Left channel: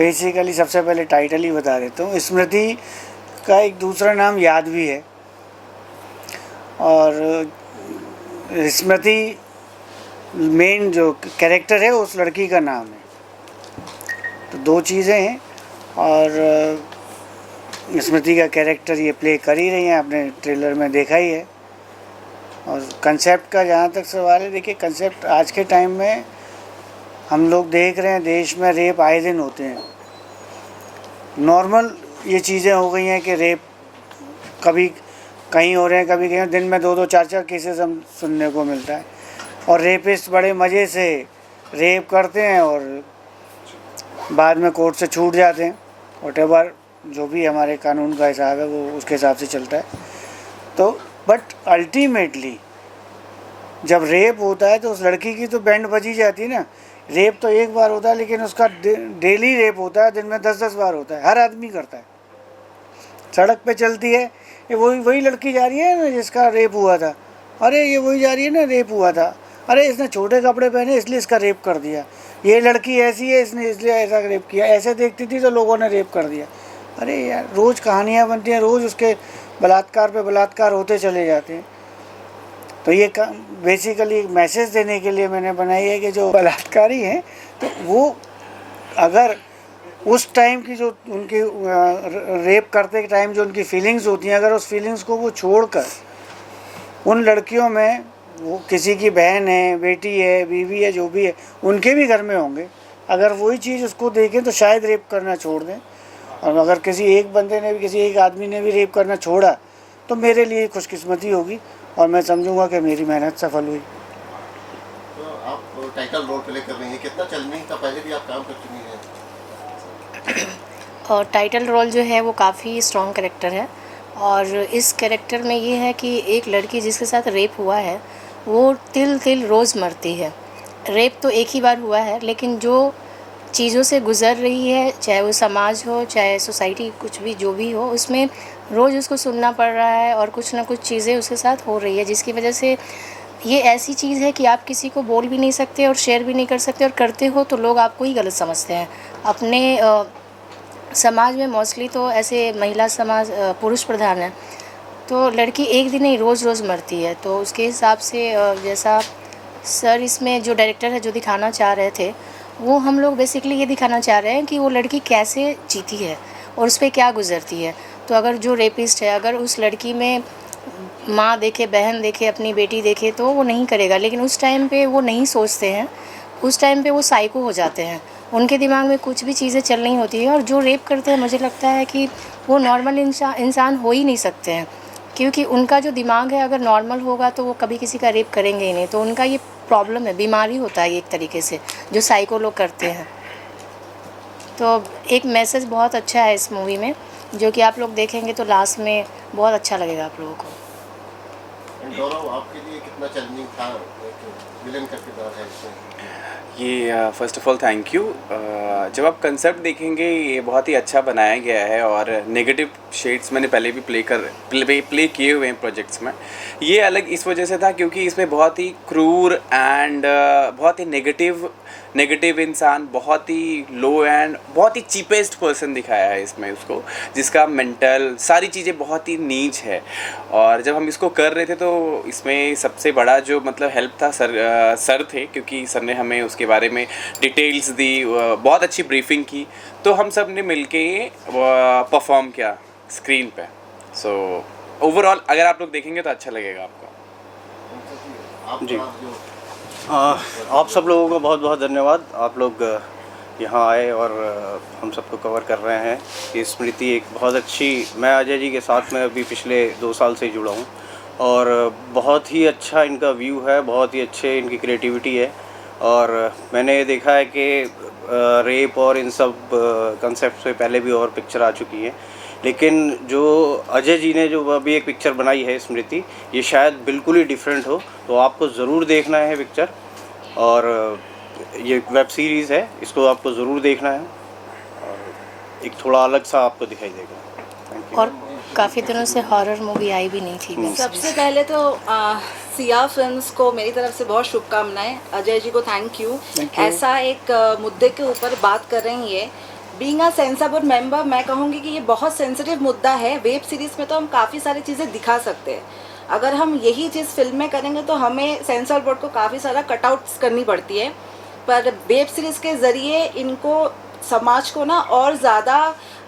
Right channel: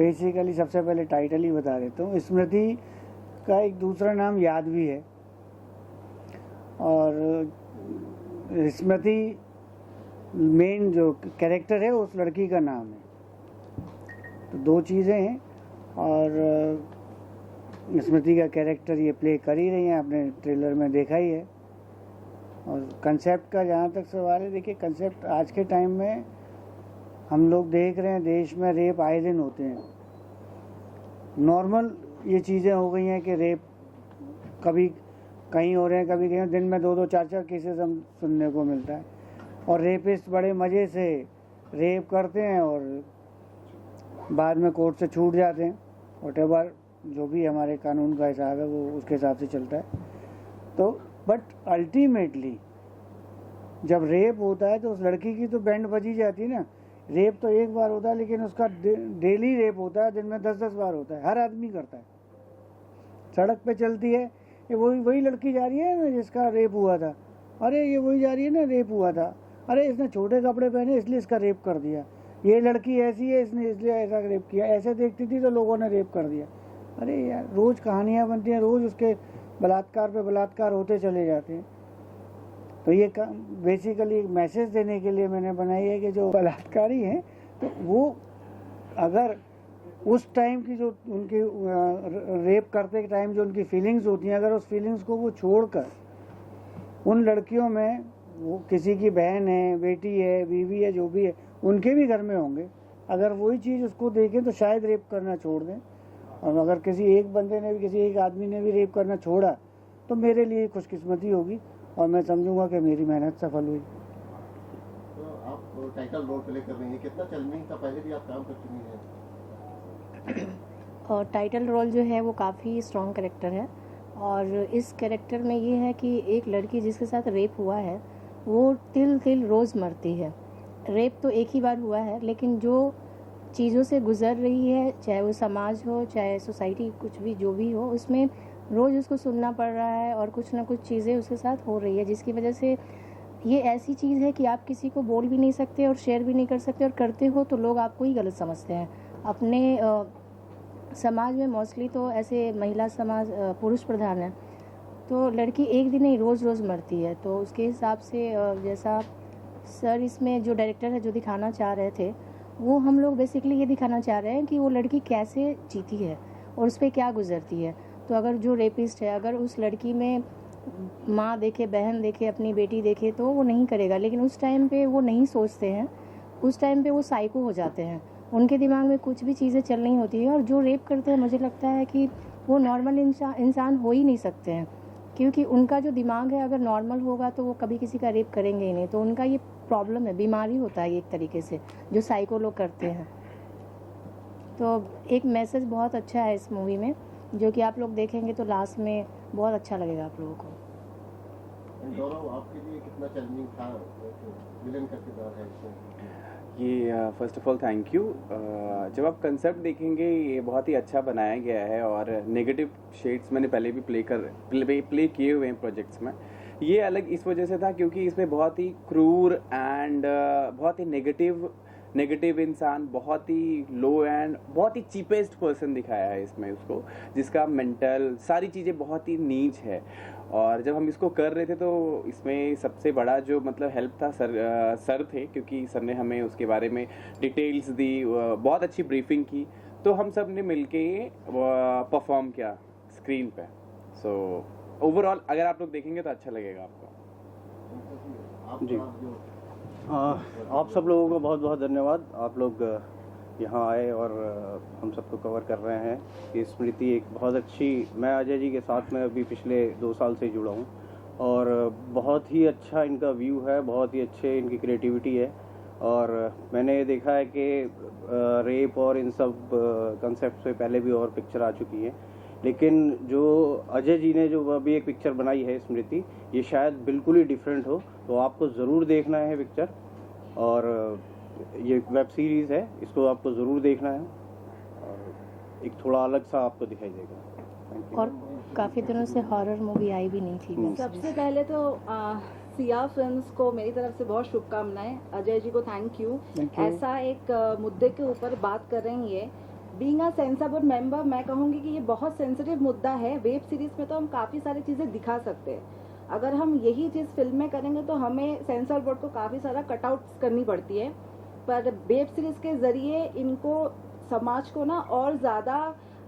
Basically सबसे पहले title ही बता देता हूँ। स्मृति का एक दूसरा नाम यादवी है, और स्मृति मेन जो कैरेक्टर है उस लड़की का नाम है। तो दो चीज़ें हैं, और स्मृति का कैरेक्टर ये प्ले कर ही रही हैं, आपने ट्रेलर में देखा ही है। और कंसेप्ट का जहाँ तक सवाल है, देखिए कंसेप्ट आज के टाइम में हम लोग देख रहे हैं देश में रेप आए दिन होते हैं। नॉर्मल ये चीज़ें हो गई हैं कि रेप कभी कहीं हो रहे हैं, कभी कहीं दिन में 2-2 4-4 केसेस हम सुनने को मिलता है। और रेपिस्ट बड़े मज़े से रेप करते हैं और बाद में कोर्ट से छूट जाते हैं। व्हाटएवर जो भी हमारे कानून का हिसाब है वो उसके हिसाब से चलता है। तो बट अल्टीमेटली जब रेप होता है तो उस लड़की की तो बैंड बजी जाती है ना। रेप तो एक बार होता है, लेकिन उसका डेली रेप होता है, दिन में 10-10 बार होता है, हर आदमी करता है। सड़क पे चलती है, ये वही लड़की जा रही है ना जिसका रेप हुआ था, अरे ये वही जा रही है ना, रेप हुआ था, अरे इसने छोटे कपड़े पहने इसलिए इसका रेप कर दिया, ये लड़की ऐसी है इसने इसलिए ऐसा रेप किया, ऐसे देखती थी तो लोगों ने रेप कर दिया। अरे यार, रोज़ कहानियाँ बनती हैं, रोज़ उसके बलात्कार पे बलात्कार होते चले जाते हैं। तो ये बेसिकली मैसेज देने के लिए मैंने बनाई है कि जो बलात्कारी हैं तो वो अगर उस टाइम की जो उनकी रेप करते के टाइम जो उनकी फीलिंग्स होती हैं, अगर उस फीलिंग्स को वो छोड़कर उन लड़कियों में, वो किसी की बहन है, बेटी है, बीवी है, जो भी है, उनके भी घर में होंगे, अगर वही चीज़ उसको देखें तो शायद रेप करना छोड़ दें। और अगर किसी एक बंदे ने भी, किसी एक आदमी ने भी रेप करना छोड़ा तो मेरे लिए खुशकिस्मती होगी और मैं समझूंगा कि मेरी मेहनत सफल हुई। तो आप टाइटल रोल प्ले कर रही हैं, कितना चैलेंजिंग था? पहले भी आप काम कर चुकी हैं। और टाइटल रोल जो है वो काफ़ी स्ट्रॉन्ग कैरेक्टर है, और इस कैरेक्टर में ये है कि एक लड़की जिसके साथ रेप हुआ है वो तिल तिल रोज़ मरती है। रेप तो एक ही बार हुआ है, लेकिन जो चीज़ों से गुज़र रही है, चाहे वो समाज हो, चाहे सोसाइटी, कुछ भी जो भी हो, उसमें रोज़ उसको सुनना पड़ रहा है और कुछ ना कुछ चीज़ें उसके साथ हो रही है, जिसकी वजह से ये ऐसी चीज़ है कि आप किसी को बोल भी नहीं सकते और शेयर भी नहीं कर सकते, और करते हो तो लोग आपको ही गलत समझते हैं। अपने समाज में मोस्टली तो ऐसे महिला समाज पुरुष प्रधान है, तो लड़की एक दिन नहीं रोज़ रोज़ मरती है। तो उसके हिसाब से जैसा सर इसमें जो डायरेक्टर है जो दिखाना चाह रहे थे, वो हम लोग बेसिकली ये दिखाना चाह रहे हैं कि वो लड़की कैसे जीती है और उस पर क्या गुजरती है। तो अगर जो रेपिस्ट है, अगर उस लड़की में माँ देखे, बहन देखे, अपनी बेटी देखे तो वो नहीं करेगा, लेकिन उस टाइम पे वो नहीं सोचते हैं, उस टाइम पे वो साइको हो जाते हैं, उनके दिमाग में कुछ भी चीज़ें चल रही होती हैं। और जो रेप करते हैं, मुझे लगता है कि वो नॉर्मल इंसान हो ही नहीं सकते हैं, क्योंकि उनका जो दिमाग है अगर नॉर्मल होगा तो वो कभी किसी का रेप करेंगे ही नहीं। तो उनका ये प्रॉब्लम है, बीमारी होता है एक तरीके से, जो साइको लोग करते हैं। तो एक मैसेज बहुत अच्छा है इस मूवी में, जो कि आप लोग देखेंगे तो लास्ट में बहुत अच्छा लगेगा आप लोगों को। गौरव, आपके लिए कितना चैलेंजिंग था? एक विलेन का किरदार है इसमें। ये first of all thank you. जब आप कंसेप्ट देखेंगे ये बहुत ही अच्छा बनाया गया है, और नेगेटिव शेड्स मैंने पहले भी प्ले किए हुए हैं प्रोजेक्ट्स में। ये अलग इस वजह से था क्योंकि इसमें बहुत ही क्रूर एंड बहुत ही नेगेटिव इंसान, बहुत ही लो एंड बहुत ही चीपेस्ट पर्सन दिखाया है इसमें उसको, जिसका मेंटल सारी चीज़ें बहुत ही नीच है। और जब हम इसको कर रहे थे तो इसमें सबसे बड़ा जो मतलब हेल्प था सर थे, क्योंकि सर ने हमें उसके बारे में डिटेल्स दी, बहुत अच्छी ब्रीफिंग की, तो हम सब ने मिल के परफॉर्म किया स्क्रीन पे। सो ओवरऑल अगर आप लोग देखेंगे तो अच्छा लगेगा आपको। जी, आप सब लोगों को बहुत बहुत धन्यवाद। आप लोग यहाँ आए और हम सबको कवर कर रहे हैं। ये स्मृति एक बहुत अच्छी, मैं अजय जी के साथ में अभी पिछले 2 साल से जुड़ा हूँ, और बहुत ही अच्छा इनका व्यू है, बहुत ही अच्छे इनकी क्रिएटिविटी है। और मैंने देखा है कि रेप और इन सब कंसेप्ट से पहले भी और पिक्चर आ चुकी हैं, लेकिन जो अजय जी ने जो अभी एक पिक्चर बनाई है स्मृति, ये शायद बिल्कुल ही डिफरेंट हो, तो आपको ज़रूर देखना है पिक्चर। और ये वेब सीरीज़ है, इसको आपको ज़रूर देखना है, और एक थोड़ा अलग सा आपको दिखाई देगा। Thank you. और काफ़ी दिनों से हॉरर मूवी आई भी नहीं थी। सबसे पहले तो सिया फिल्म्स को मेरी तरफ से बहुत शुभकामनाएं। अजय जी को थैंक यू। ऐसा एक मुद्दे के ऊपर बात कर रही है, being a sensor board member मैं कहूँगी कि ये बहुत सेंसिटिव मुद्दा है। वेब सीरीज़ में तो हम काफ़ी सारी चीज़ें दिखा सकते हैं, अगर हम यही चीज़ फिल्म में करेंगे तो हमें सेंसर बोर्ड को काफ़ी सारा कटआउट्स करनी पड़ती है। पर वेब सीरीज़ के ज़रिए इनको समाज को ना और ज़्यादा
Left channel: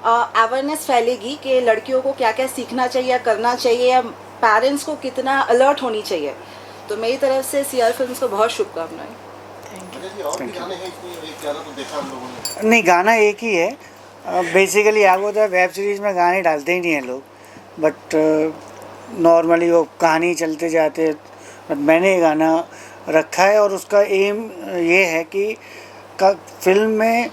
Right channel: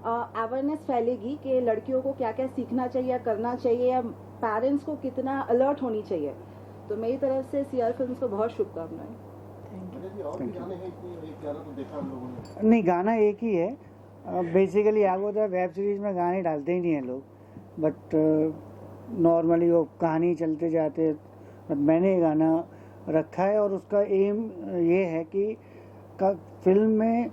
अवेयरनेस फैलेगी कि लड़कियों को क्या क्या सीखना चाहिए या करना चाहिए, या पेरेंट्स को कितना अलर्ट होनी चाहिए। तो मेरी तरफ से सीआर फिल्म्स को बहुत शुभकामनाएं। अजय जी, और भी गाने हैं इसमें? एक गाना तो देखा हम लोगों ने। नहीं, गाना एक ही है। बेसिकली आपको होता है वेब सीरीज़ में गाने डालते ही नहीं हैं लोग, बट नॉर्मली वो कहानी चलते जाते। बट मैंने ये गाना रखा है और उसका एम ये है कि फिल्म में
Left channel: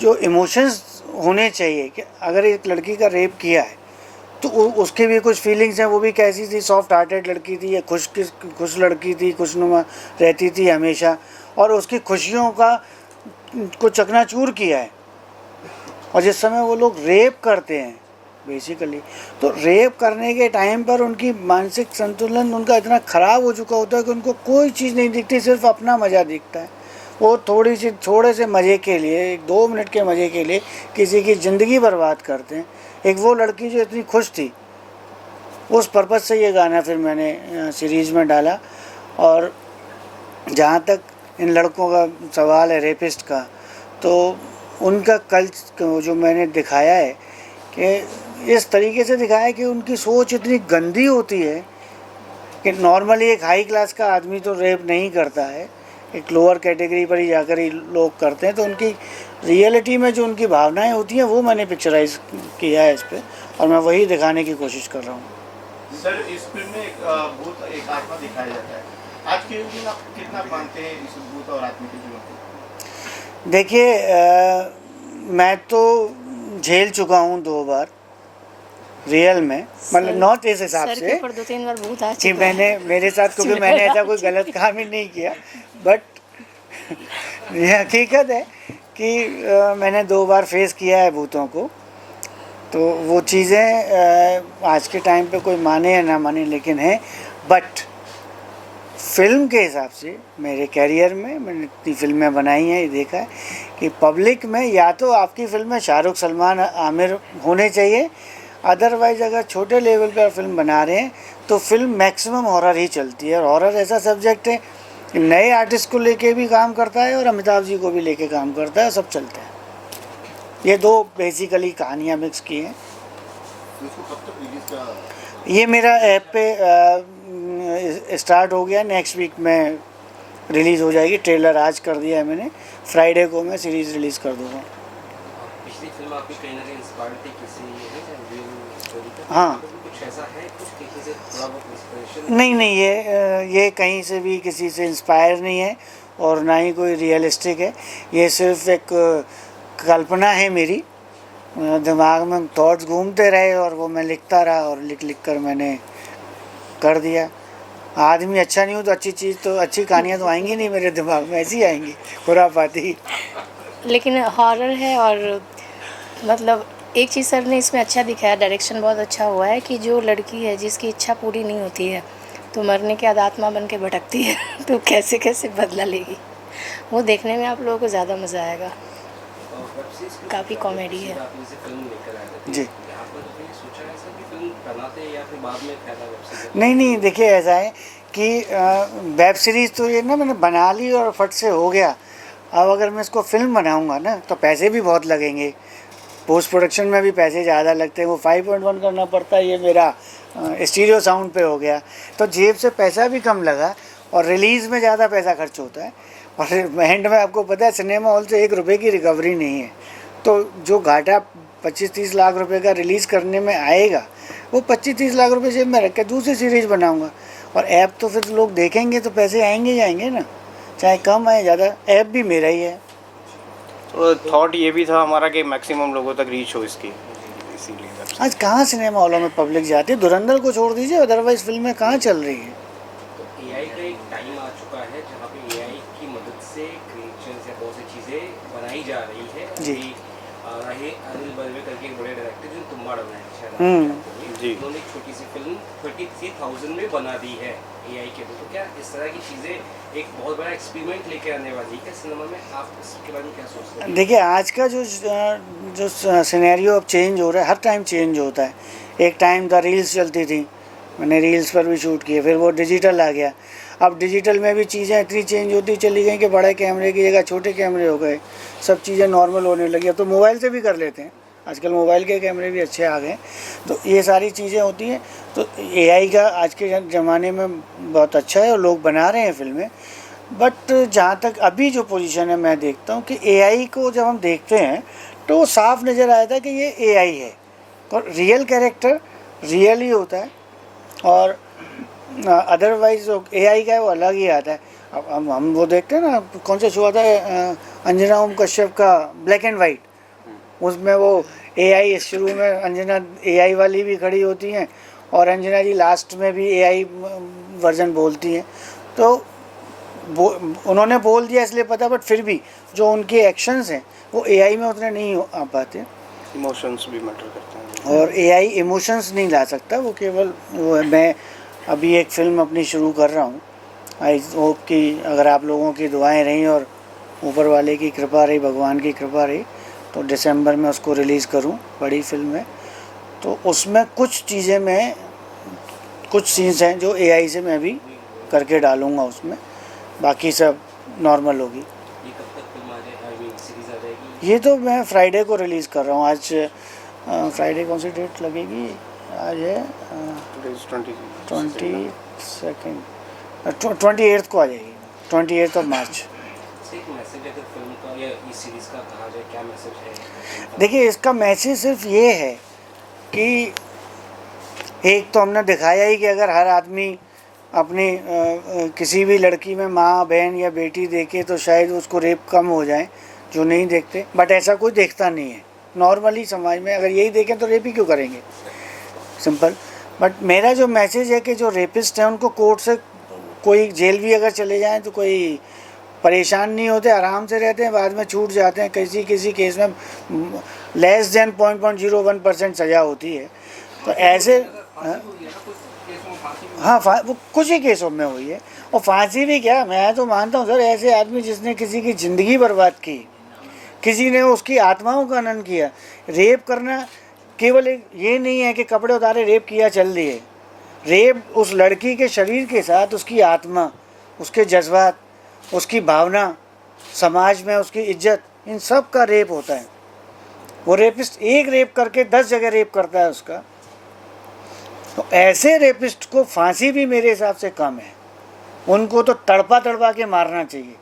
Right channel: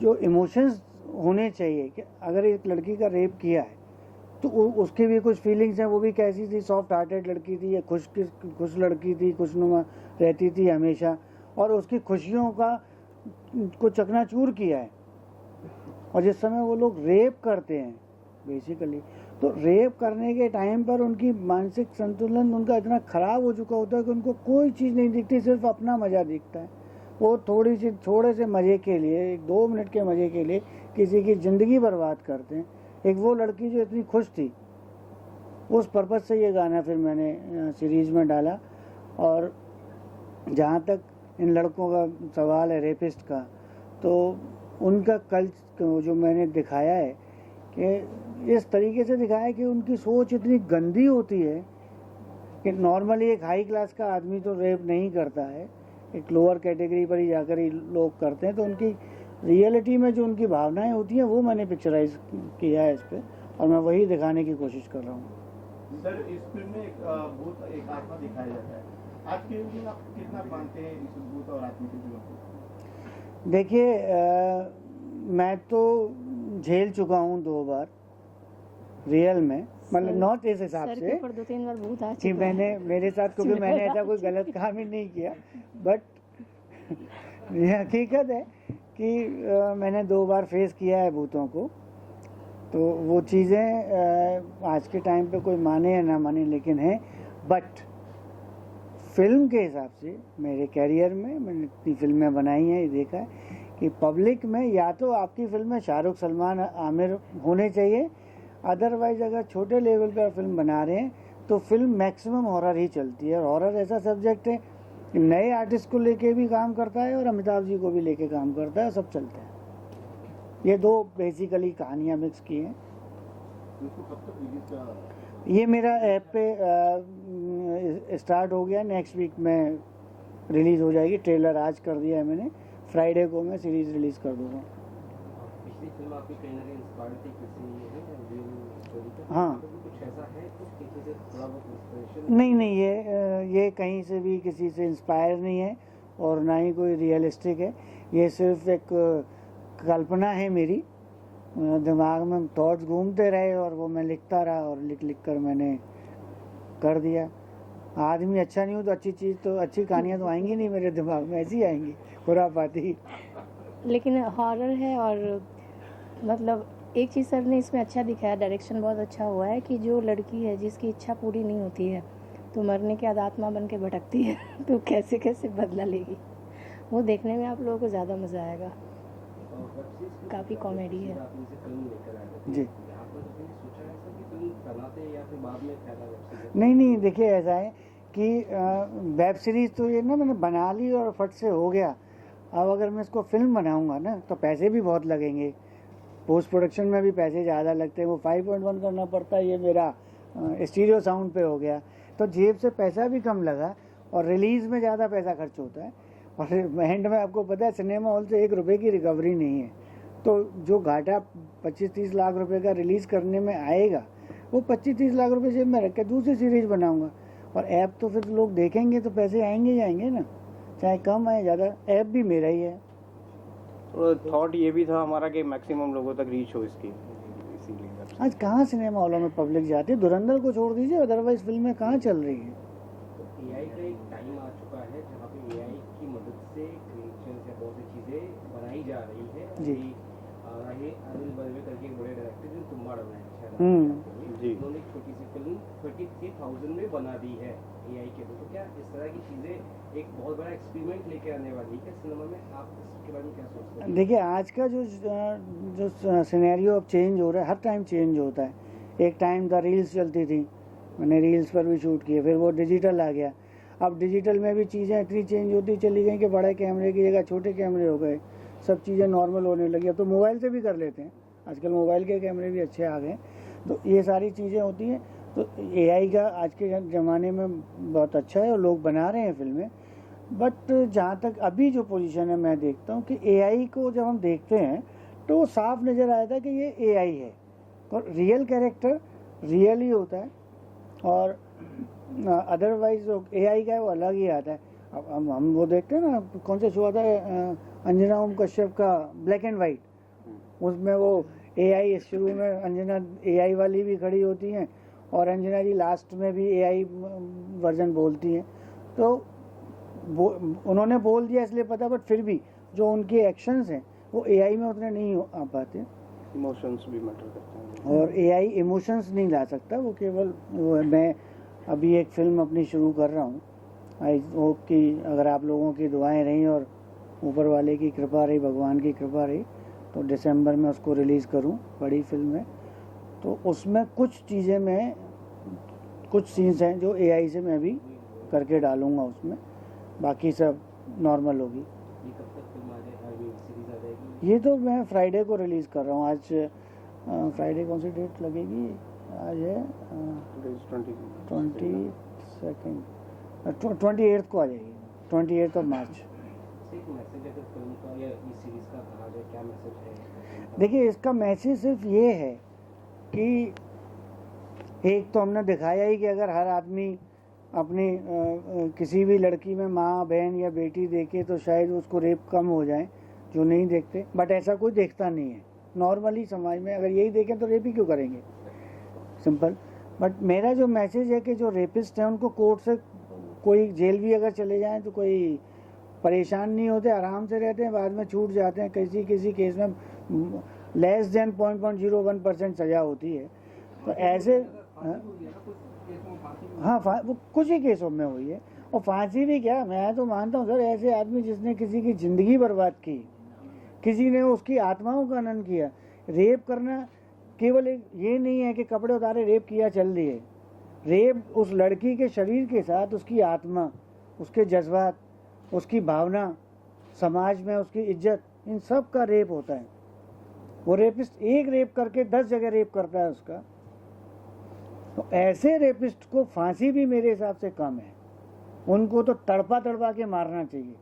जो इमोशंस होने चाहिए कि अगर एक लड़की का रेप किया है तो उसकी भी कुछ फीलिंग्स हैं। वो भी कैसी थी, सॉफ्ट हार्टेड लड़की थी या खुश लड़की थी, खुशनुमा रहती थी हमेशा, और उसकी खुशियों को चकनाचूर किया है। और जिस समय वो लोग रेप करते हैं बेसिकली, तो रेप करने के टाइम पर उनकी मानसिक संतुलन उनका इतना ख़राब हो चुका होता है कि उनको कोई चीज़ नहीं दिखती, सिर्फ अपना मज़ा दिखता है। वो थोड़े से मज़े के लिए, 2 मिनट के मज़े के लिए किसी की ज़िंदगी बर्बाद करते हैं। एक वो लड़की जो इतनी खुश थी, उस पर्पज़ से ये गाना फिर मैंने सीरीज़ में डाला। और जहाँ तक इन लड़कों का सवाल है रेपिस्ट का, तो उनका जो मैंने दिखाया है कि इस तरीके से दिखाया है कि उनकी सोच इतनी गंदी होती है कि नॉर्मली एक हाई क्लास का आदमी तो रेप नहीं करता है, एक लोअर कैटेगरी पर ही जाकर ही लोग करते हैं। तो उनकी रियलिटी में जो उनकी भावनाएं होती हैं वो मैंने पिक्चराइज किया है इस पर, और मैं वही दिखाने की कोशिश कर रहा हूँ। सर, इस फिल्म में एक भूत, एक आत्मा दिखाया जाता है। आज के युग में आप कितना मानते हैं इस भूत और आत्मा की जीवन को? देखिए, मैं तो झेल चुका हूँ 2 बार रियल में, मतलब नॉट इस हिसाब सर से के ऊपर 2-3 बार भूत आ कि चुका है। मेरे साथ, क्योंकि मैंने ऐसा कोई गलत काम ही नहीं किया, बट ये हकीकत है कि मैंने 2 बार फेस किया है भूतों को। तो वो चीज़ें आज के टाइम पे कोई माने या ना माने लेकिन है। बट फिल्म के हिसाब से मेरे कैरियर में मैंने इतनी फिल्में बनाई हैं, ये देखा है कि पब्लिक में या तो आपकी फिल्म में शाहरुख, सलमान, आमिर होने चाहिए, अदरवाइज़ अगर छोटे लेवल पर फिल्म बना रहे हैं तो फिल्म मैक्सिमम हॉरर ही चलती है। और हॉरर ऐसा सब्जेक्ट है कि नए आर्टिस्ट को लेके भी काम करता है और अमिताभ जी को भी लेके काम करता है, सब चलता है। ये 2 बेसिकली कहानियाँ मिक्स की हैं। तो इसको कब तक रिलीज का? ये मेरा ऐप पे स्टार्ट हो गया, नेक्स्ट वीक में रिलीज़ हो जाएगी। ट्रेलर आज कर दिया है मैंने, फ्राइडे को मैं सीरीज़ रिलीज़ कर दूँगा। पिछली फिल्म आपकी कहीं ना कहीं इंस्पायर्ड थी किसी रियल स्टोरी पे? हाँ। कुछ ऐसा है, कुछ किसी से थोड़ा बहुत इंस्पिरेशन? नहीं, ये कहीं से भी किसी से इंस्पायर नहीं है और ना ही कोई रियलिस्टिक है। ये सिर्फ एक कल्पना है मेरी, दिमाग में थॉट्स घूमते रहे और वो मैं लिखता रहा और लिख कर मैंने कर दिया। आदमी अच्छा नहीं हो तो अच्छी कहानियाँ तो आएंगी नहीं मेरे दिमाग में, ऐसी आएंगी खुरापाती। लेकिन हॉरर है, और मतलब एक चीज़ सर ने इसमें अच्छा दिखाया, डायरेक्शन बहुत अच्छा हुआ है कि जो लड़की है जिसकी इच्छा पूरी नहीं होती है तो मरने के बाद आत्मा बन के भटकती है तो कैसे कैसे बदला लेगी, वो देखने में आप लोगों को ज़्यादा मज़ा आएगा। काफ़ी कॉमेडी है। जी। यहाँ पर कभी सोचा है सर कि फिल्म बनाते या फिर बाद में फायदा वेब सीरीज? नहीं, देखिए ऐसा है कि वेब सीरीज़ तो ये ना मैंने बना ली और फट से हो गया। अब अगर मैं इसको फिल्म बनाऊंगा ना तो पैसे भी बहुत लगेंगे, पोस्ट प्रोडक्शन में भी पैसे ज़्यादा लगते हैं। वो 5.1 करना पड़ता है, ये मेरा स्टीरियो साउंड पे हो गया, तो जेब से पैसा भी कम लगा और रिलीज़ में ज़्यादा पैसा खर्च होता है। और एंड में आपको पता है सिनेमा हॉल से 1 रुपये की रिकवरी नहीं है। तो जो घाटा 25-30 लाख रुपए का रिलीज़ करने में आएगा, वो 25-30 लाख रुपए जेब में रख के दूसरी सीरीज़ बनाऊंगा। और ऐप तो फिर लोग देखेंगे तो पैसे आएंगे जाएंगे ना, चाहे कम आए ज़्यादा, ऐप भी मेरा ही है। तो थॉट ये भी था हमारा कि मैक्सिमम लोगों तक रीच हो इसकी, इसीलिए आज कहाँ सिनेमा हॉलों में पब्लिक जाती है, धुरंधर को छोड़ दीजिए, अदरवाइज फिल्में कहाँ चल रही हैं। तो एआई का एक टाइम आ चुका है जहाँ पे एआई की मदद से क्रिएचर्स या बहुत सी चीज़ें बनाई जा रही है। जी। राही ये अनिल बर्वे करके एक बड़े डायरेक्टर जो तुम्बाड़ बनाए शायद जी। उन्होंने एक छोटी सी फिल्म 33,000 में बना दी है एआई के तो क्या इस तरह की चीज़ें एक बहुत बड़ा एक्सपेरिमेंट लेके आने वाली है सिनेमा में, आप इसके बारे में क्या सोचते हैं? देखिए आज का जो सिनेरियो अब चेंज हो रहा है, हर टाइम चेंज होता है। एक टाइम था रील्स चलती थी, मैंने रील्स पर भी शूट किए, फिर वो डिजिटल आ गया। अब डिजिटल में भी चीज़ें इतनी चेंज होती चली गई कि बड़े कैमरे की जगह छोटे कैमरे हो गए, सब चीज़ें नॉर्मल होने लगी। अब तो मोबाइल से भी कर लेते हैं, आजकल मोबाइल के कैमरे भी अच्छे आ गए। तो ये सारी चीज़ें होती हैं। तो एआई का आज के ज़माने में बहुत अच्छा है और लोग बना रहे हैं फिल्में। बट जहाँ तक अभी जो पोजीशन है, मैं देखता हूँ कि एआई को जब हम देखते हैं तो वो साफ नज़र आया था कि ये एआई है और रियल कैरेक्टर रियल ही होता है और अदरवाइज जो एआई का है वो अलग ही आता है। अब हम वो देखते हैं ना, कौन सा शो आता है अंजना ओम कश्यप का, ब्लैक एंड वाइट, उसमें वो एआई शुरू में अंजना एआई वाली भी खड़ी होती हैं और अंजना जी लास्ट में भी एआई वर्जन बोलती हैं। तो उन्होंने बोल दिया इसलिए पता, बट फिर भी जो उनके एक्शंस हैं वो एआई में उतने नहीं आ पाते। इमोशंस भी मैटर करते हैं और एआई इमोशंस नहीं ला सकता, वो केवल वो है। मैं अभी एक फ़िल्म अपनी शुरू कर रहा हूँ, आई होप कि अगर आप लोगों की दुआएं रहीं और ऊपर वाले की कृपा रही, भगवान की कृपा रही, तो दिसंबर में उसको रिलीज़ करूँ। बड़ी फिल्म है, तो उसमें कुछ चीज़ें मैं, कुछ सीन्स हैं जो एआई से मैं भी करके डालूँगा उसमें, बाकी सब नॉर्मल होगी। ये कब तक फिल्म आ जाएगी, सीरीज आ जाएगी? ये तो मैं फ्राइडे को रिलीज़ कर रहा हूँ। आज फ्राइडे कौन सी डेट लगेगी? आज है 28 को आ जाएगी, 28 ऑफ मार्च। एक मैसेज अगर फिल्म का या इस सीरीज का कहा जाए, क्या मैसेज है? देखिए इसका मैसेज सिर्फ ये है कि एक तो हमने दिखाया ही कि अगर हर आदमी अपनी किसी भी लड़की में माँ, बहन या बेटी देखे तो शायद उसको रेप कम हो जाए, जो नहीं देखते। बट ऐसा कोई देखता नहीं है नॉर्मली समाज में। अगर यही देखें तो रेप ही क्यों करेंगे, सिंपल। बट मेरा जो मैसेज है कि जो रेपिस्ट हैं उनको कोर्ट से कोई जेल भी अगर चले जाएं तो कोई परेशान नहीं होते, आराम से रहते हैं, बाद में छूट जाते हैं। किसी केस में लेस देन 0.01% सज़ा होती है। तो ऐसे हाँ वो कुछ ही केसों में हुई है। और फांसी भी क्या, मैं तो मानता हूँ सर, ऐसे आदमी जिसने किसी की ज़िंदगी बर्बाद की, किसी ने उसकी आत्माओं का हनन किया। रेप करना केवल एक ये नहीं है कि कपड़े उतारे रेप किया चल दिए। रेप उस लड़की के शरीर के साथ उसकी आत्मा, उसके जज्बात, उसकी भावना, समाज में उसकी इज्जत, इन सब का रेप होता है। वो रेपिस्ट एक रेप करके 10 जगह रेप करता है उसका। तो ऐसे रेपिस्ट को फांसी भी मेरे हिसाब से कम है। उनको तो तड़पा के मारना चाहिए,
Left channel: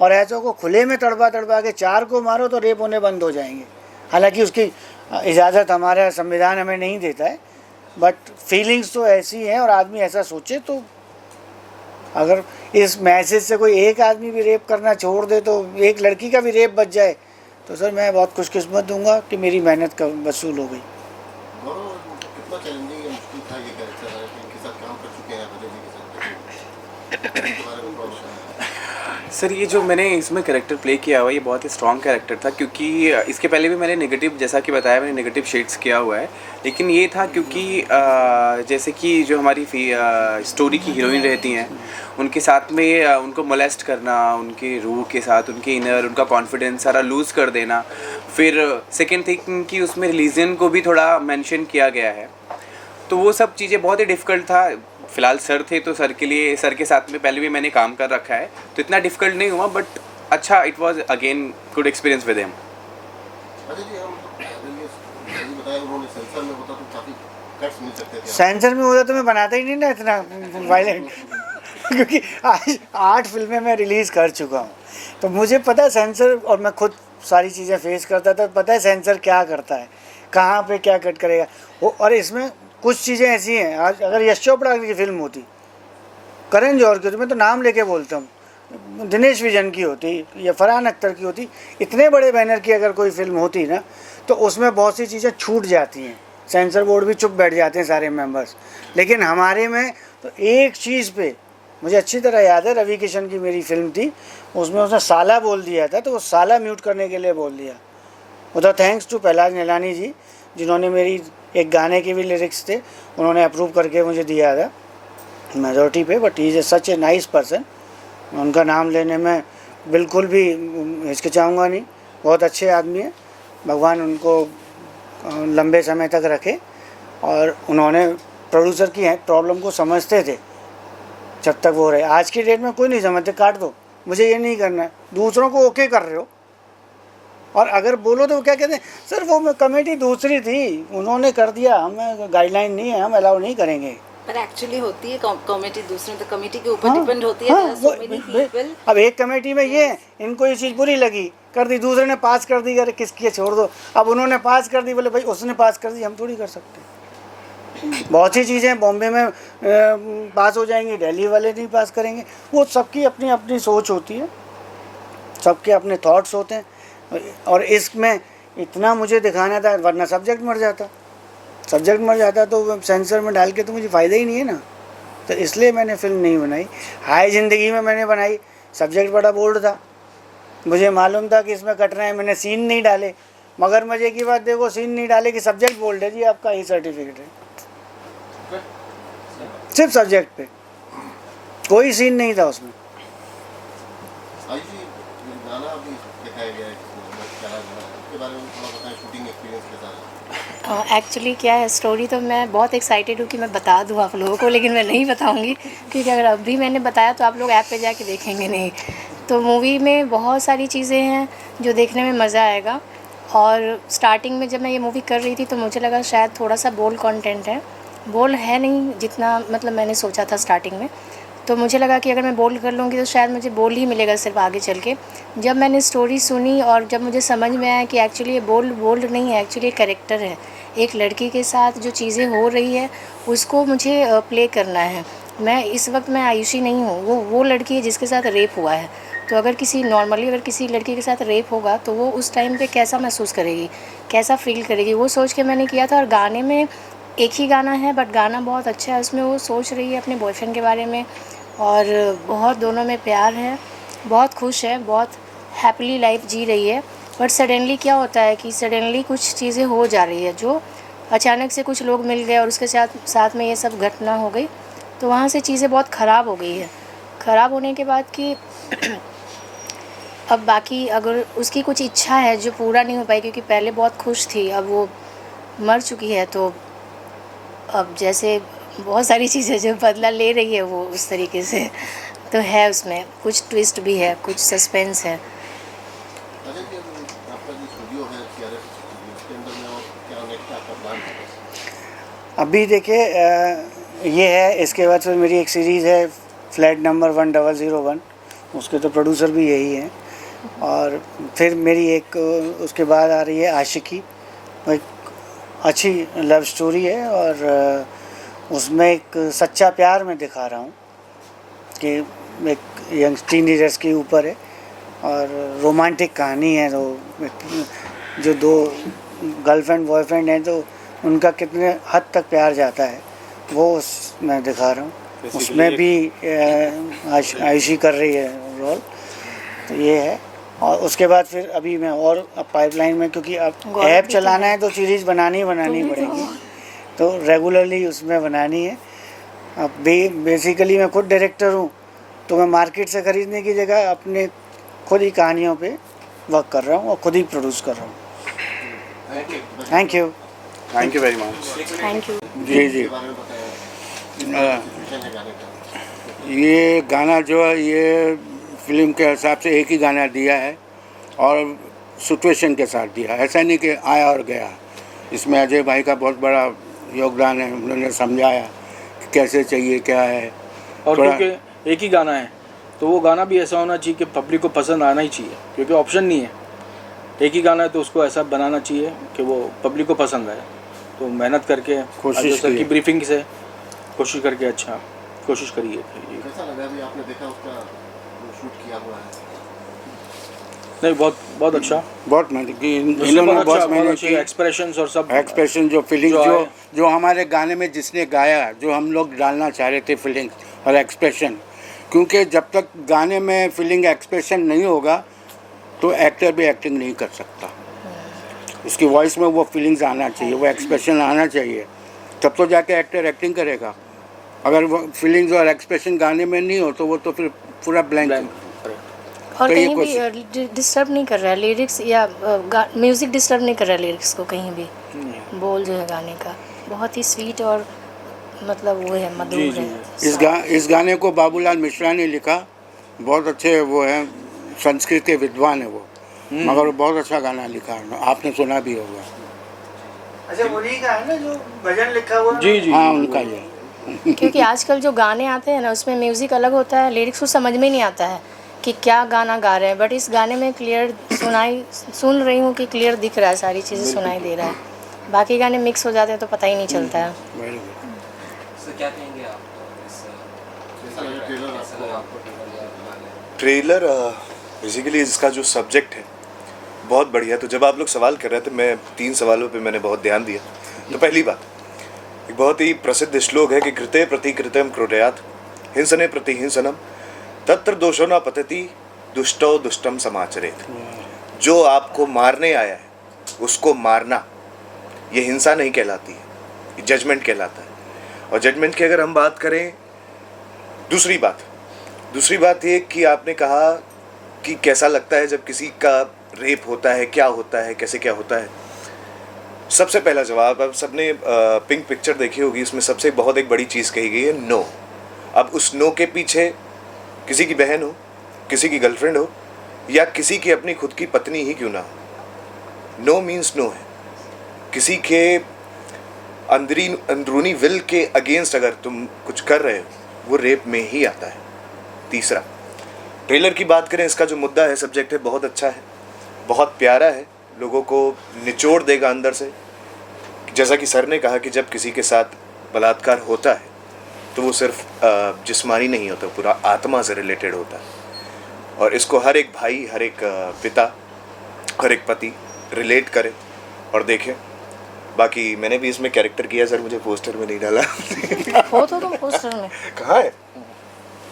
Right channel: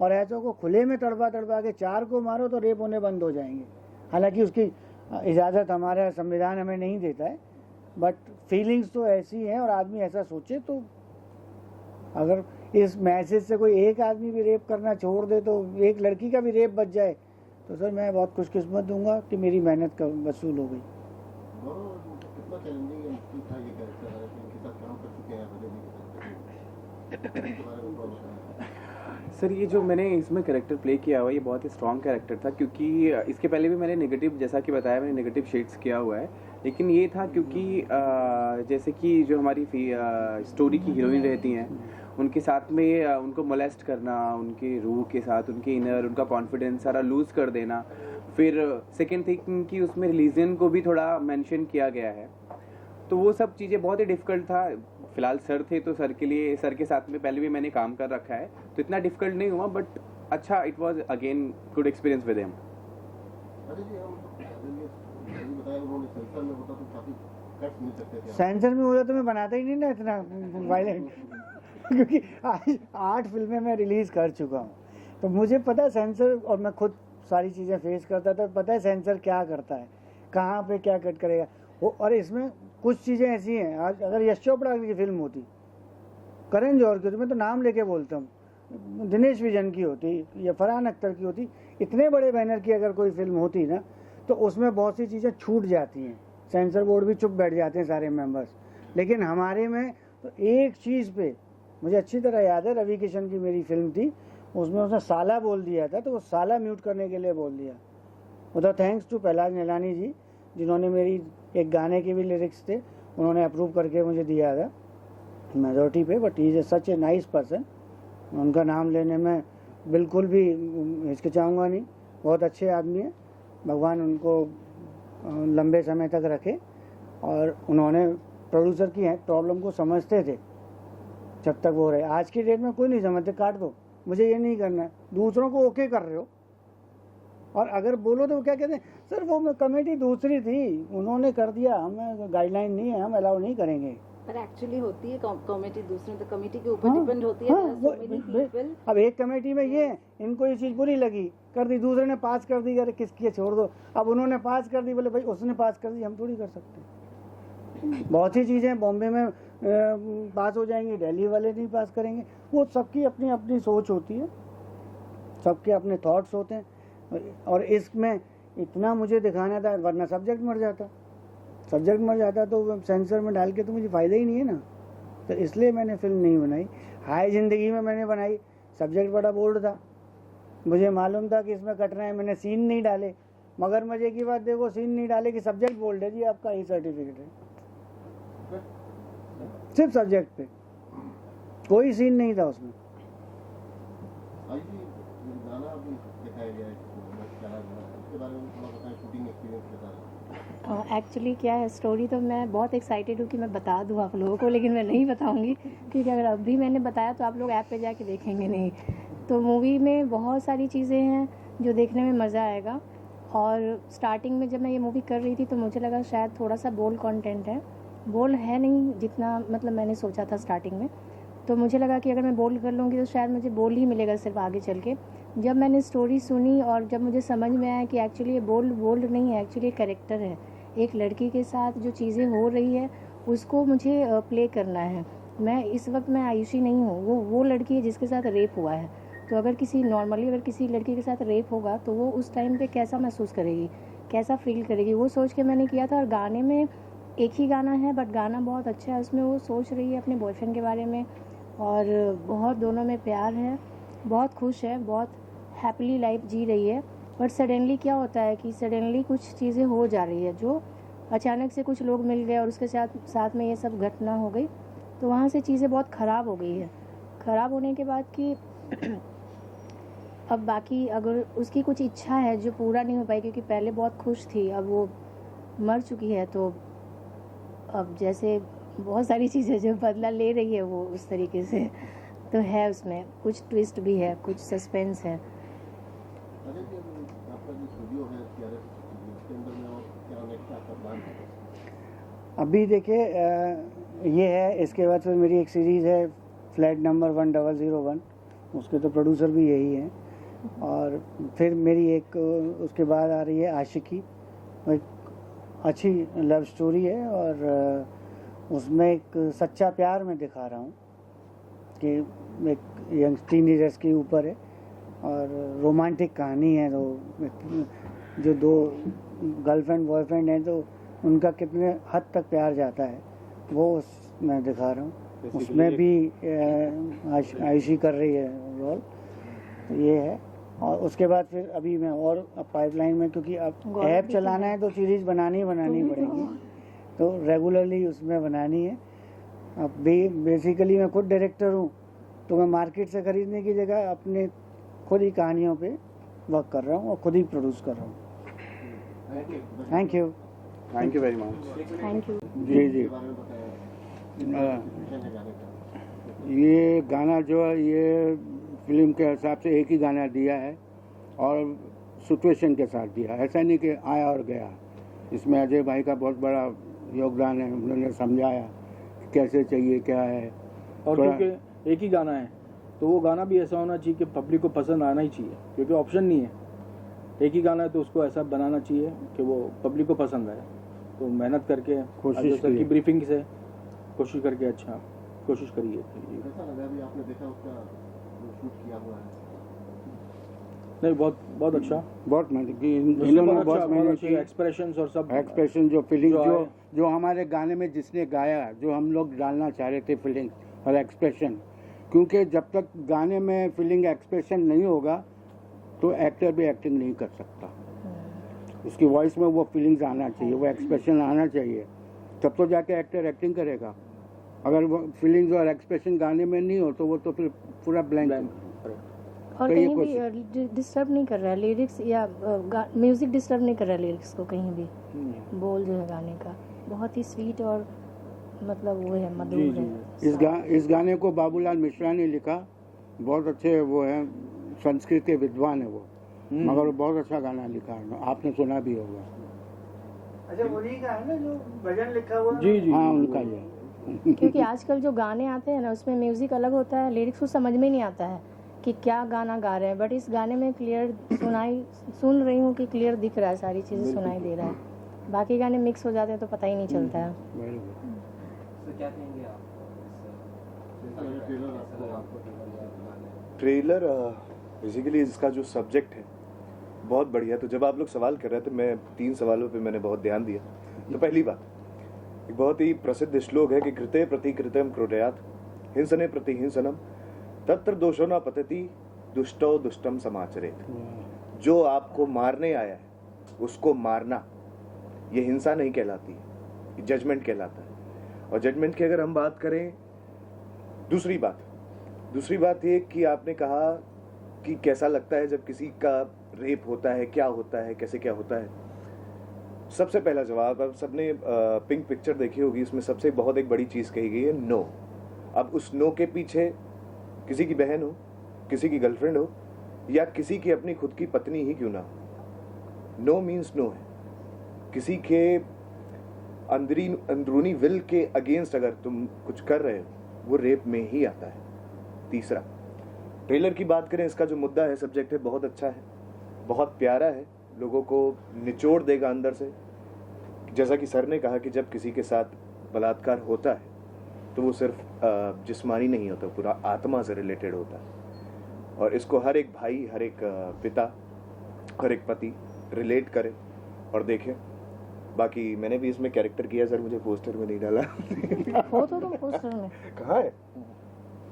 और ऐसों को खुले में तड़पा के 4 को मारो तो रेप होने बंद हो जाएंगे। हालांकि उसकी इजाज़त हमारा संविधान हमें नहीं देता है, बट फीलिंग्स तो ऐसी हैं और आदमी ऐसा सोचे। तो अगर इस मैसेज से कोई एक आदमी भी रेप करना छोड़ दे, तो एक लड़की का भी रेप बच जाए, तो सर मैं बहुत खुशकिस्मत दूंगा कि मेरी मेहनत का वसूल हो गई। गौरव, कितना चैलेंजिंग या मुश्किल था ये कैरेक्टर, इनके साथ काम कर चुके हैं अजय जी के साथ, इसके बारे में थोड़ा बताएं। सर ये जो मैंने इसमें कैरेक्टर प्ले किया हुआ है, ये बहुत ही स्ट्रॉन्ग कैरेक्टर था, क्योंकि इसके पहले भी मैंने नेगेटिव, जैसा कि बताया, मैंने नेगेटिव शेड्स किया हुआ है। लेकिन ये था क्योंकि जैसे कि जो हमारी स्टोरी की हीरोइन रहती हैं, उनके साथ में उनको मोलेस्ट करना, उनके रूह के साथ, उनके इनर, उनका कॉन्फिडेंस सारा लूज़ कर देना। फिर सेकेंड थिंग कि उसमें रिलीजन को भी थोड़ा मेंशन किया गया है, तो वो सब चीज़ें बहुत ही डिफ़िकल्ट था। फ़िलहाल सर थे तो सर के लिए, सर के साथ में पहले भी मैंने काम कर रखा है, तो इतना डिफ़िकल्ट नहीं हुआ। बट अच्छा, it was again good experience with him. Ajay ji, हम ये बताया उन्होंने सेंसर में होता तो काफ़ी कट्स मिल सकते थे। सेंसर में होता तो मैं बनाता ही नहीं ना इतना वायलेंट क्योंकि आज 8 फिल्में मैं रिलीज़ कर चुका हूँ, तो मुझे पता है सेंसर, और मैं खुद सारी चीज़ें फेस करता था, पता है सेंसर क्या करता है, कहाँ पे क्या कट करेगा वो। और इसमें कुछ चीज़ें ऐसी हैं, आज अगर यश चोपड़ा की फ़िल्म होती, करण जौहर की होती, मैं तो नाम लेके बोलता हूँ, दिनेश विजन की होती या फरहान अख्तर की होती, इतने बड़े बैनर की अगर कोई फिल्म होती ना, तो उसमें बहुत सी चीज़ें छूट जाती हैं, सेंसर बोर्ड भी चुप बैठ जाते हैं सारे मेंबर्स। लेकिन हमारे में तो एक चीज़ पे मुझे अच्छी तरह याद है, रवि किशन की मेरी फिल्म थी, उसमें उसने साला बोल दिया था, तो वो साला म्यूट करने के लिए बोल दिया, उधर थैंक्स टू पहलाज निलानी जी, जिन्होंने मेरी एक गाने के भी लिरिक्स थे, उन्होंने अप्रूव करके मुझे दिया था मेजोरिटी पे। But he is such a nice person, उनका नाम लेने में बिल्कुल भी हिचकिचाऊँगा नहीं। बहुत अच्छे आदमी हैं, भगवान उनको लंबे समय तक रखे। और उन्होंने प्रोड्यूसर की प्रॉब्लम को समझते थे जब तक वो रहे। आज की डेट में कोई नहीं समझते, काट दो, मुझे ये नहीं करना है। दूसरों को ओके कर रहे हो, और अगर बोलो तो वो क्या कहते हैं, सर वो कमेटी दूसरी थी, उन्होंने कर दिया, हमें गाइडलाइन नहीं है, हम अलाउ नहीं करेंगे। पर एक्चुअली होती है कमेटी दूसरे, तो कमेटी के ऊपर हाँ, डिपेंड होती है। हाँ, अब एक कमेटी में ये है, इनको ये चीज़ बुरी लगी, कर दी, दूसरे ने पास कर दी, अरे किसकी छोड़ दो। अब उन्होंने पास कर दी, बोले भाई उसने पास कर दी, हम थोड़ी कर सकते। बहुत सी चीज़ें बॉम्बे में पास हो जाएंगी, दिल्ली वाले नहीं पास करेंगे। वो सबकी अपनी अपनी सोच होती है, सबके अपने थॉट्स होते हैं। और इसमें इतना मुझे दिखाना था, वरना सब्जेक्ट मर जाता। सब्जेक्ट मर जाता तो सेंसर में डाल के तो मुझे फ़ायदा ही नहीं है ना। तो इसलिए मैंने फ़िल्म नहीं बनाई। हाय ज़िंदगी में मैंने बनाई, सब्जेक्ट बड़ा बोल्ड था, मुझे मालूम था कि इसमें कटना है, मैंने सीन नहीं डाले। मगर मज़े की बात देखो, सीन नहीं डाले कि सब्जेक्ट बोल्ड है जी, आपका ये सर्टिफिकेट है। सिर्फ सब्जेक्ट पे, कोई सीन नहीं था उसमें। आज जी गाना अभी दिखाया गया है, उसके बारे में थोड़ा बताएं, शूटिंग एक्सपीरियंस के साथ। एक्चुअली क्या है, स्टोरी तो मैं बहुत एक्साइटेड हूँ कि मैं बता दूँ आप लोगों को, लेकिन मैं नहीं बताऊँगी, क्योंकि अगर अभी मैंने बताया तो आप लोग ऐप पे जाके देखेंगे नहीं। तो मूवी में बहुत सारी चीज़ें हैं जो देखने में मज़ा आएगा। और स्टार्टिंग में जब मैं ये मूवी कर रही थी तो मुझे लगा शायद थोड़ा सा बोल्ड कंटेंट है, बोल्ड है नहीं जितना मतलब मैंने सोचा था स्टार्टिंग में। तो मुझे लगा कि अगर मैं बोल्ड कर लूँगी तो शायद मुझे बोल्ड ही मिलेगा सिर्फ आगे चल के। जब मैंने स्टोरी सुनी और जब मुझे समझ में आया कि एक्चुअली ये बोल्ड नहीं है, एक्चुअली कैरेक्टर है, एक लड़की के साथ जो चीज़ें हो रही है उसको मुझे प्ले करना है। मैं इस वक्त मैं आयुषी नहीं हूँ, वो लड़की है जिसके साथ रेप हुआ है। तो अगर किसी लड़की के साथ रेप होगा तो वो उस टाइम पे कैसा महसूस करेगी, कैसा फील करेगी, वो सोच के मैंने किया था। और गाने में एक ही गाना है बट गाना बहुत अच्छा है, उसमें वो सोच रही है अपने बॉयफ्रेंड के बारे में, और बहुत दोनों में प्यार है, बहुत खुश है, बहुत हैप्पीली लाइफ जी रही है। बट सडनली क्या होता है कि सडनली कुछ चीज़ें हो जा रही है, जो अचानक से कुछ लोग मिल गए और उसके साथ में ये सब घटना हो गई। तो वहाँ से चीज़ें बहुत ख़राब हो गई है। ख़राब होने के बाद कि अब बाकी अगर उसकी कुछ इच्छा है जो पूरा नहीं हो पाई, क्योंकि पहले बहुत खुश थी, अब वो मर चुकी है, तो अब जैसे बहुत सारी चीज़ें जो बदला ले रही है वो उस तरीके से तो है। उसमें कुछ ट्विस्ट भी है, कुछ सस्पेंस है। अच्छा कि आपका जो स्टूडियो है CRS स्टूडियो, उसके अंदर में और क्या नेक्स्ट आपका प्लान है? अभी देखिए ये है, इसके बाद फिर मेरी एक सीरीज़ है फ्लैट नंबर 1001, उसके तो प्रोड्यूसर भी यही हैं। और फिर मेरी एक उसके बाद आ रही है आशिकी, एक अच्छी लव स्टोरी है, और उसमें एक सच्चा प्यार मैं दिखा रहा हूँ कि एक यंग टीनेजर्स के ऊपर है, और रोमांटिक कहानी है। तो जो दो गर्लफ्रेंड बॉयफ्रेंड हैं तो उनका कितने हद तक प्यार जाता है वो मैं दिखा रहा हूँ। उसमें भी आयुषी कर रही है रोल, तो ये है। और उसके बाद फिर अभी मैं और पाइपलाइन में, क्योंकि अब ऐप चलाना है तो सीरीज़ बनानी पड़ेगी, तो रेगुलरली उसमें बनानी है। अब बेसिकली मैं खुद डायरेक्टर हूँ, तो मैं मार्केट से ख़रीदने की जगह अपने खुद ही कहानियों पे वर्क कर रहा हूँ और खुद ही प्रोड्यूस कर रहा हूँ। Thank you very much. Thank you. जी जी, ये गाना जो है ये फिल्म के हिसाब से एक ही गाना दिया है और सिचुएशन के साथ दिया, ऐसा नहीं कि आया और गया। इसमें अजय भाई का बहुत बड़ा योगदान है, उन्होंने समझाया कि कैसे चाहिए क्या है। और क्योंकि एक ही गाना है तो वो गाना भी ऐसा होना चाहिए कि पब्लिक को पसंद आना ही चाहिए, क्योंकि ऑप्शन नहीं है। एक ही गाना है तो उसको ऐसा बनाना चाहिए कि वो पब्लिक को पसंद आए। तो मेहनत करके कोशिश सर की ब्रीफिंग से कोशिश करके अच्छा कोशिश करिए। कैसा लगा अभी आपने देखा उसका शूट किया हुआ है? नहीं, बहुत अच्छा, बहुत मेहनत की इन्होंने, बहुत मेहनत की। एक्सप्रेशंस और सब एक्सप्रेशन जो फीलिंग जो हमारे गाने में जिसने गाया, जो हम लोग डालना चाह रहे थे फीलिंग और एक्सप्रेशन, क्योंकि जब तक गाने में फीलिंग एक्सप्रेशन नहीं होगा तो एक्टर भी एक्टिंग नहीं कर सकता। उसकी वॉइस में वो फीलिंग्स आना चाहिए, वो एक्सप्रेशन आना चाहिए, तब तो जाके एक्टर एक्टिंग करेगा। अगर वो फीलिंग्स और एक्सप्रेशन गाने में नहीं हो तो वो तो फिर पूरा ब्लैंक। और तो ये कहीं भी डिस्टर्ब नहीं कर रहा है लिरिक्स या म्यूज़िक डिस्टर्ब नहीं कर रहा है लिरिक्स को कहीं भी। बोल जो है गाने का बहुत ही स्वीट और मतलब वो है मधुर है। इस गाने को बाबूलाल मिश्रा ने लिखा, बहुत अच्छे वो हैं, संस्कृत के विद्वान है वो, मगर बहुत अच्छा गाना लिखा है, आपने सुना भी होगा। अच्छा उन्हीं का है ना जो भजन लिखा हुआ? जी जी हाँ उनका ही है। क्योंकि आजकल जो गाने आते हैं ना उसमें म्यूज़िक अलग होता है, लिरिक्स को समझ में नहीं आता है कि क्या गाना गा रहे हैं, बट इस गाने में क्लियर सुन रही हूँ कि क्लियर दिख रहा है, सारी चीज़ें सुनाई दे रहा है। बाकी गाने मिक्स हो जाते हैं तो पता ही नहीं चलता है। सर क्या कहेंगे आप ट्रेलर बेसिकली इसका जो सब्जेक्ट है बहुत बढ़िया। तो जब आप लोग सवाल कर रहे थे, मैं 3 सवालों पे मैंने बहुत ध्यान दिया। तो पहली बात, एक बहुत ही प्रसिद्ध श्लोक है कि कृते प्रति कृत्यम क्रोडयात हिंसने प्रति हिंसनम तत्र दोषो न पतति दुष्टो दुष्टम समाचरेत। जो आपको मारने आया है उसको मारना, ये हिंसा नहीं कहलाती है, ये जजमेंट कहलाता है। और जजमेंट की अगर हम बात करें, दूसरी बात ये कि आपने कहा कि कैसा लगता है जब किसी का रेप होता है, क्या होता है, कैसे क्या होता है। सबसे पहला जवाब, अब सबने पिंक पिक्चर देखी होगी, इसमें सबसे बहुत एक बड़ी चीज़ कही गई है, नो। अब उस नो के पीछे किसी की बहन हो, किसी की गर्लफ्रेंड हो, या किसी की अपनी खुद की पत्नी ही क्यों ना हो, नो मीन्स नो है। किसी के अंदरूनी विल के अगेंस्ट अगर तुम कुछ कर रहे हो, वो रेप में ही आता है। तीसरा, ट्रेलर की बात करें, इसका जो मुद्दा है, सब्जेक्ट है, बहुत अच्छा है, बहुत प्यारा है, लोगों को निचोड़ देगा अंदर से। जैसा कि सर ने कहा कि जब किसी के साथ बलात्कार होता है तो वो सिर्फ जिस्मानी नहीं होता, पूरा आत्मा से रिलेटेड होता है। और इसको हर एक भाई, हर एक पिता, हर एक पति रिलेट करे और देखे। बाकी मैंने भी इसमें कैरेक्टर किया सर, मुझे पोस्टर में नहीं डाला। हो तो तुम पोस्टर में कहाँ है?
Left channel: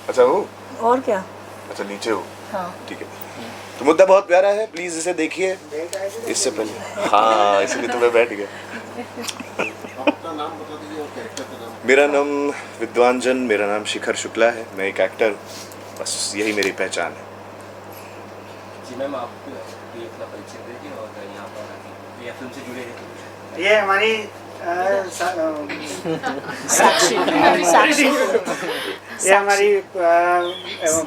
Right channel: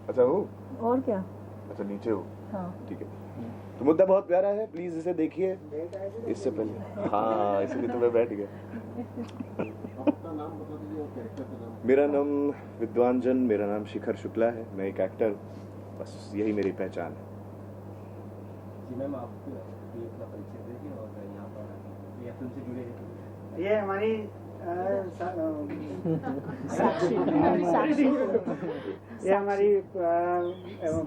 अच्छा हो, और क्या? अच्छा नीचे हो, हाँ ठीक है। तो मुद्दा बहुत प्यारा है, प्लीज़ इसे देखिए इससे पहले। हाँ, इसलिए तो मैं बैठ गया। अपना नाम बता दीजिए और कैरेक्टर का नाम। मेरा नाम विद्वान जन, मेरा नाम शिखर शुक्ला है, मैं एक एक्टर हूँ, बस यही मेरी पहचान है। जी मैम, आप भी अपना परिचय देंगे और यहाँ पर या फिल्म से जुड़े हैं? ये हमारी साक्षी ये हमारी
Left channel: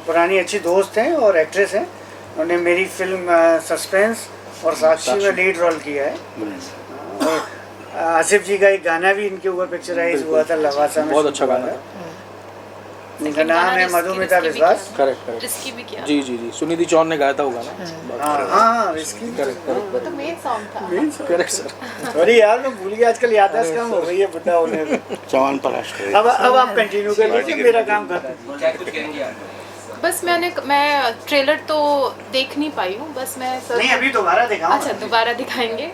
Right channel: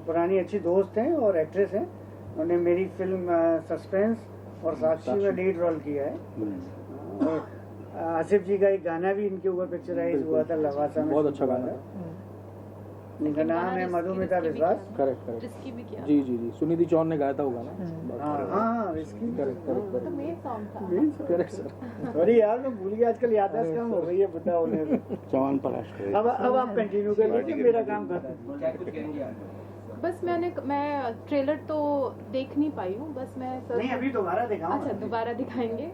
पुरानी अच्छी दोस्त हैं और एक्ट्रेस हैं। उन्होंने मेरी फिल्म सस्पेंस और साक्षी में लीड रोल किया है। और आसिफ जी का एक गाना भी इनके ऊपर पिक्चराइज हुआ था, लवासा में। बहुत अच्छा गाना था। इनका नाम है मधुमिता विश्वास। करेक्ट रिस्की भी किया। जी जी जी, सुनिधि चौहान ने गाया था वो गाना। हाँ रिस्की। वो तो मेन सॉन्ग था। Correct sir. सॉरी यार, मैं भूल गया, आजकल याददाश्त कम हो गई है बुढ़ा होने में। चौहान पराशर। अब आप कंटिन्यू कर लीजिए, मेरा काम खत्म। क्या कुछ कहेंगे आप? बस मैं ट्रेलर तो देख नहीं पाई हूँ, बस मैं सर नहीं अभी दोबारा दिखाऊं। अच्छा दोबारा दिखाएंगे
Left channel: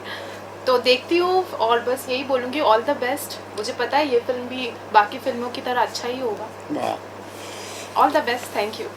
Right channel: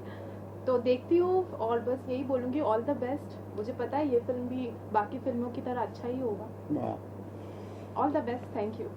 तो देखती हूँ, और बस यही बोलूँगी ऑल द बेस्ट। मुझे पता है ये फिल्म भी बाकी फिल्मों की तरह अच्छा ही होगा। All the best, thank you.